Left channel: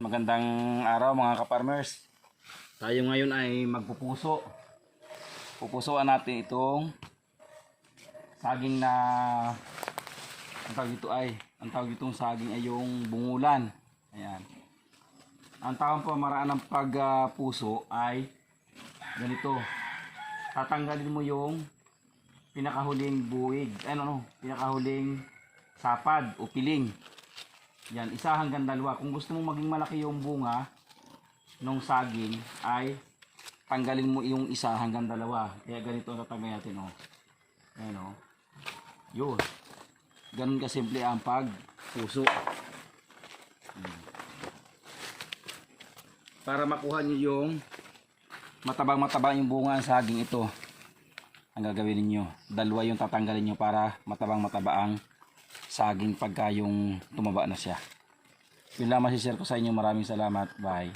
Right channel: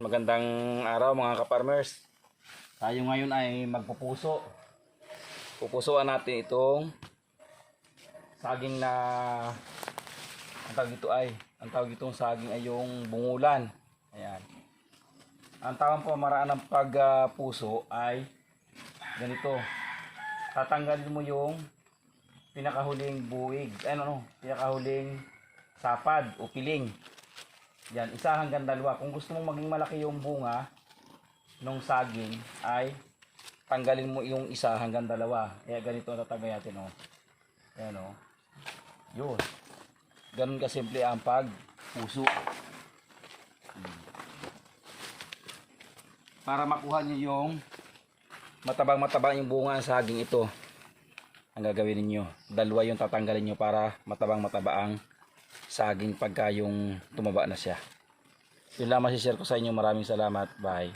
Magandang araw mga kaparmers. Tayo ngayon ay magpupuso. Pupusuan natin itong saging na ang tawag dito ay ang tawag ditong saging ay yung bungulan. Ayan. Ang tawag pamaraan ng pagpuso ay ganito. Tatanggalin mo yung pinakahuling buwig, ano no, pinakahuling sapad o piling. Yan, isa hanggang dalawa. Kung gusto mong maging malaki yung bunga nung saging ay tanggalin mo yung isa hanggang dalawa. Kaya ganito ang tatanggalin natin, oh. Ayan, oh. Yun. Ganun kasimple ang pagpuso. Hmm. Para makuha nyo yung matabang-matabang yung bunga ng saging ito. Ang gagawin ninyo. Dalawa yung tatanggalin nyo para matabang-mataba ang saging pagka yung tumaba na siya. Yun lang masishare ko sa inyo. Maraming salamat. Bye.